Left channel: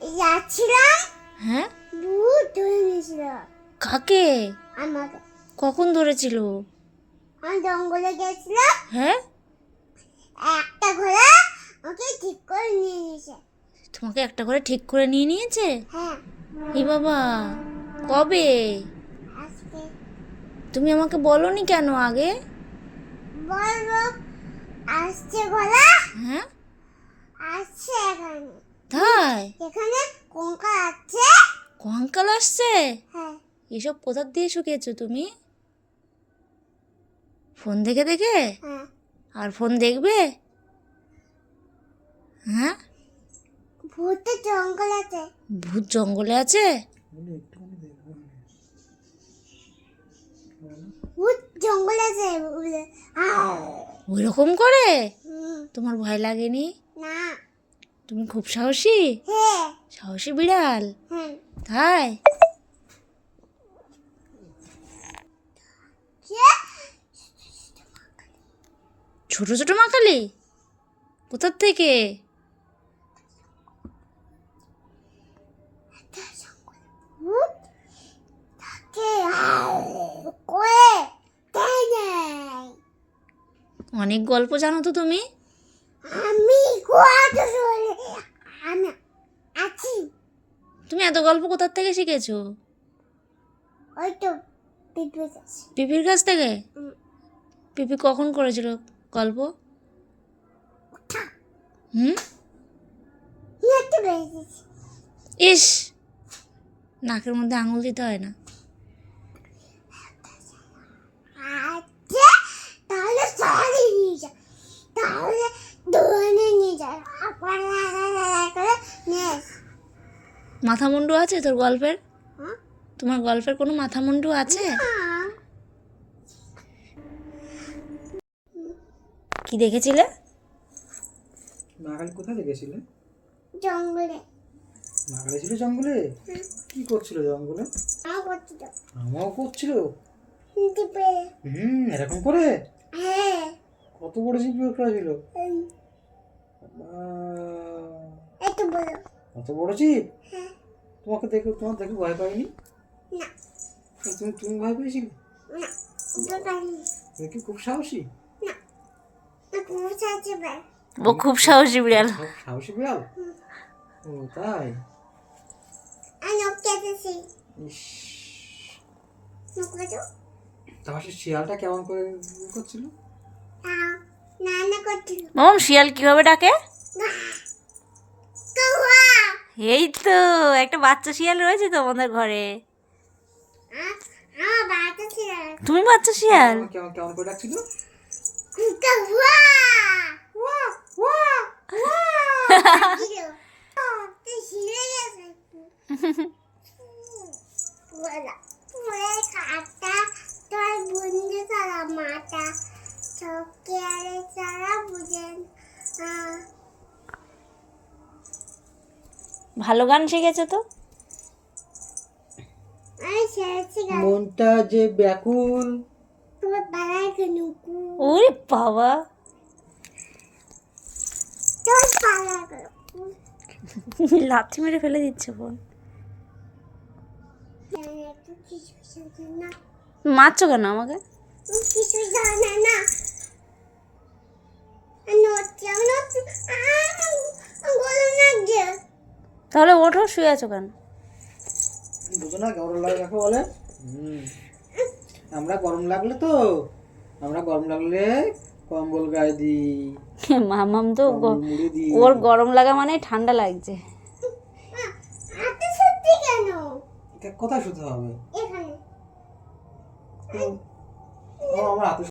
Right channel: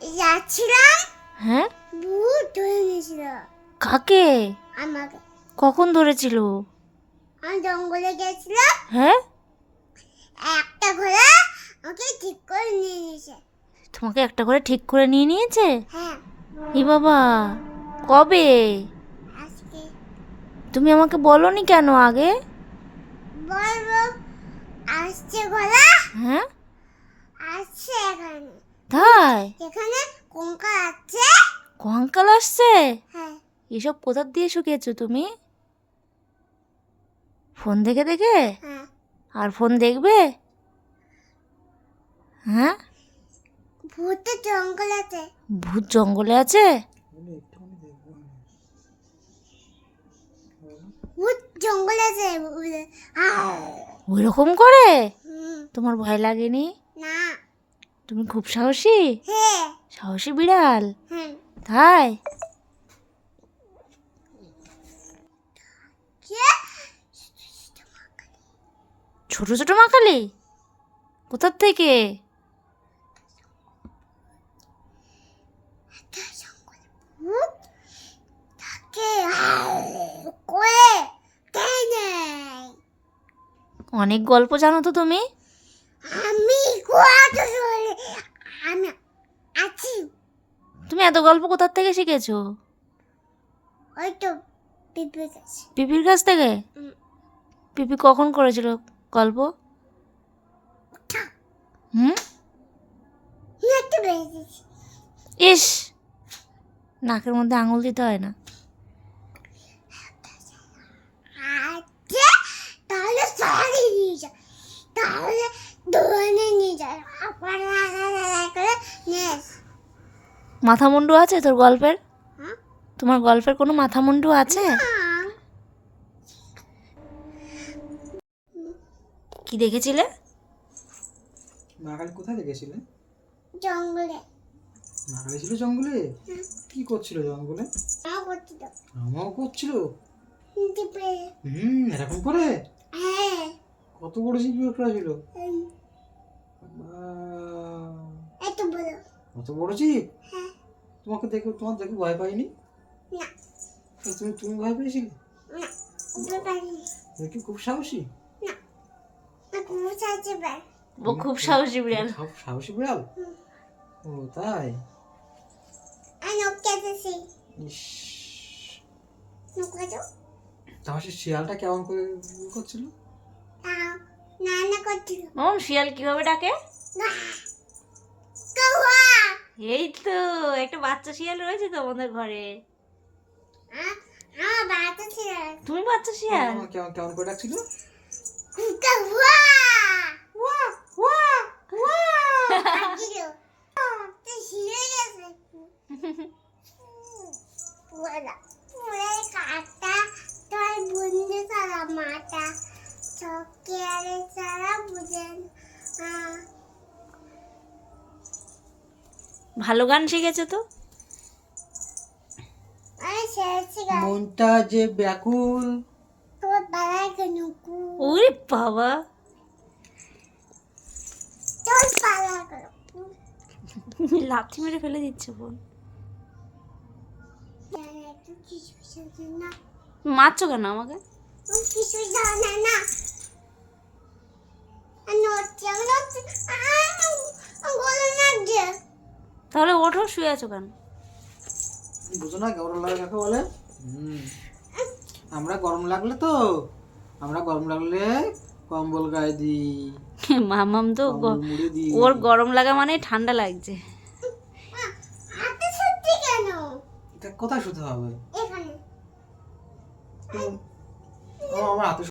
যাচ্ছিলাম, হ্যাঁ, ভূত ধরে নিয়েছিল কাকে? আমাকে। কখন ধরেছিল? আমি জঙ্গলে গেছিলাম, হ্যাঁ, একটা ঘোড়া ওকে ঠিক করে নিয়ে নিয়েছে। তোমাকে একটা করে ঠিক করে নিয়ে নিয়েছে? হ্যাঁ, এ বাবা, কবে? আজকে তুমি আমাকে বলনি কেন আগে? বলবো, আসছে ঘোড়া, হ্যাঁ, আসছে এখানে। তাই? এখানে কঙ্কা আছে। কঙ্কাল আসছে? হ্যাঁ, এসব কোথা দিয়ে শুকিয়েছো তুমি? ফোন দেখে দেখে? হ্যাঁ, আর ফোন দেখবে? হ্যাঁ, ভূতের জঙ্গল আছে। ভূত জঙ্গলে আছে? ভূত জঙ্গলে আছে বলে। ওই রকম করে? হুম, তোমার ভয় লাগেনি? না। তুমি খুব সাহসী? হ্যাঁ, সাহসী বিড়াল? হুম, তাই? কে? ছোট ছোট মাকালি? কোথার থেকে? ভূত থাকে করে দেয় নাই। অনেক গল্প জানো তো তুমি? আমি কত চলে, আমি আছি। তুমি এত গল্প কোথার থেকে শিখেছো? ওই তো পিঁপড়ে গাছ। পিপির কাছ থেকে? হুম, পিপি কখন করেছিল গল্প? হুম? হেঁটে বেরিয়েছি। ইস, নাকের মধ্যে আঙুল দিতে হয় না। আচ্ছা, তাহলে সরাই নিয়ে যায়, তাহলে দোকানে নিয়ে যায়, আবার করে নিয়ে আসে। মাথা মুন্ডু আছে তোর গল্পের? হুম? তোমার গল্পের কোনো মাথা মুন্ডু আছে? কি দেখেছিলে? মাকালি কোথায় দেখেছিলে? জঙ্গলে। মাকালি ছিল জঙ্গলে? কি করছিল জঙ্গলে? আমার করছিল আমাও করছিল। টিপে। এরকম করে? হ্যাঁ, কত বড় জিনিস ছিল? একটু বলো। কত বড় জিপ? হ্যাঁ, তোমার দেখে ভয় পাইনি? না, তুমি তুমি ভয় পেয়েছিলে? না, উঠে পারিনি। তুমি কি খুব সাহসী? না, না, খুব সাহায্য পায়। ও খুব সাহসী বিড়াল। সাহসী বিড়াল? ও তাই? আর নখ কেটেছি। ইস, নখ কেটো। তাহলে সে শিয়ালটা কেমন করে করছিল? তাও রান্না করছিল। মাম, শিয়াল কিভাবে ডাকে? কাউয়া। এই তো একটা বাচ্চা শিয়াল রয়েছে তোমাদের ঘরে। আমার বাচ্চা ছিল। তুমি বাচ্চা শিয়াল? কেমন কেমন করে ডাকছিল? কাউয়া। ওয়া, ওয়া, ওয়া। ডাকছিল। তুই শিরে গেছে। পুরা, পুরা কাটা, তোর বন্ধু সারা মাটা, চোখে আরে সারা বুঝেন। ভালো গান শিখেছো তো। আমি শেষে গান। মনটা যে ব্যাকুল। তোর পাড়ায় কেন? ওরে বাবা, তোর পাড়ায় কেন? লাথি মেরে ফেলে দিচ্ছে বোন। একটু কিছু না, মারছো কেন আমাকে? কিছু জানে না। নড়ছে, আমি নড়ছি। গরম লাগছে। তাহলে ওঠো, শুয়ে আছো কেন? বুঝো না গরম লাগে কাকে বলে? আমরা গরম লাগলে কম্বল গায়ে দিই, মামাম তো কম্বল মুড়ে দিই। ওর গরম লাগা মানে ঠান্ডা লাগছে। হাতে সত্যি কেন? এটা কোথায় শুতে হবে? এখানে। আমার হাতে